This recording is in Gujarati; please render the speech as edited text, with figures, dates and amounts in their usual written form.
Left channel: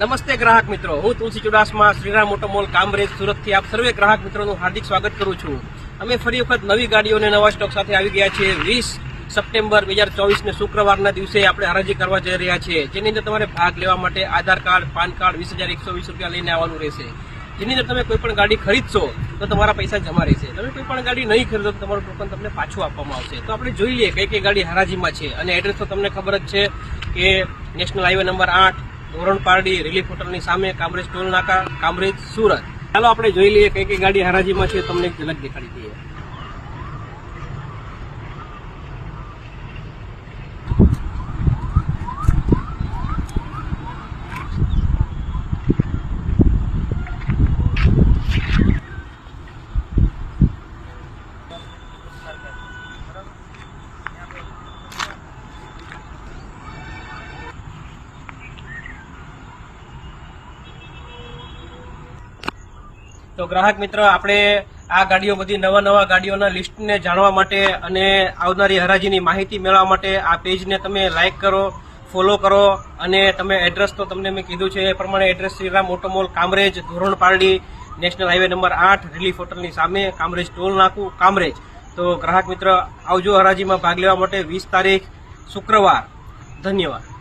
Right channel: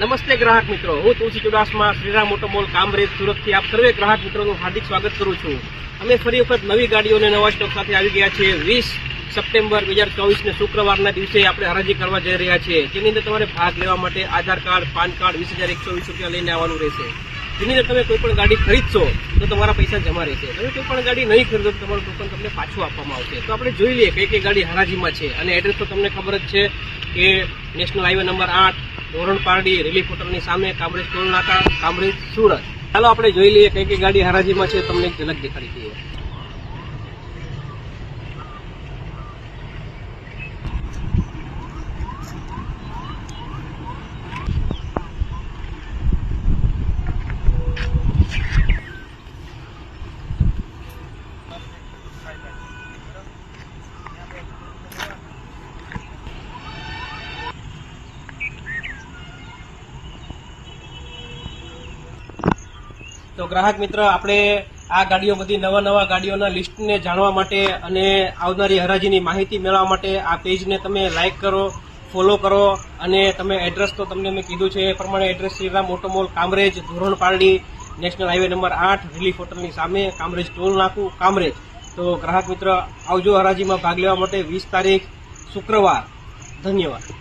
નમસ્તે ગ્રાહક મિત્રો, હું તુલસી ચુડાસમા શ્રીરામ ઓટો મોલ કામરેજ સુરતથી આપ સર્વે ગ્રાહક મિત્રોનું હાર્દિક સ્વાગત કરું છું। અમે ફરી વખત નવી ગાડીઓને નવા સ્ટોક સાથે આવી ગયા છીએ। 20 સપ્ટેમ્બર 2024 શુક્રવારના દિવસે આપણે હરાજી કરવા જઈ રહ્યા છીએ, જેની અંદર તમારે ભાગ લેવા માટે આધાર કાર્ડ, પાન કાર્ડ 20,120 રૂપિયા લઈને આવવાનું રહેશે। જેની અંદર તમે કોઈ પણ ગાડી ખરીદશો તો તમારા પૈસા જમા રહેશે, તમે કોઈ પણ ગાડી નહીં ખરીદો તો તમારું ટોકન તમને પાછું આપવામાં આવશે। તો આપણે જોઈ લઈએ કઈ કઈ ગાડી હરાજીમાં છે, અને એડ્રેસ તો તમને ખબર જ છે કે નેશનલ હાઈવે નંબર 8, ધોરણ પારડી, રિલીફ હોટલની સામે, કામરેજ ટોલ નાકા, કામરેજ સુરત। ચાલો આપણે જોઈ લઈએ કઈ કઈ ગાડી હરાજીમાં છે, તમને ઝલક દેખાડી દઈએ। તો ગ્રાહક મિત્ર, આપણે આ ગાડીઓ બધી નવા ગાડીઓના લિસ્ટને જાણવા માટે અને આવનારી હરાજીની માહિતી મેળવવા માટે આ પેજને તમે લાઇક કરો, ફોલો કરો, અને તમે એડ્રેસ તો તમને મેં કીધું છે એ પ્રમાણે address Shriram auto mall Kamrej, Dhoran Pardi, national highway number 8, relief હોટલની સામે, કામરેજ ટોલ નાકું, કામરેજ। તો ગ્રાહક મિત્ર, આવજો હરાજીમાં ભાગ લેવા માટે 20 તારીખ શુક્રવાર। ધન્યવાદ।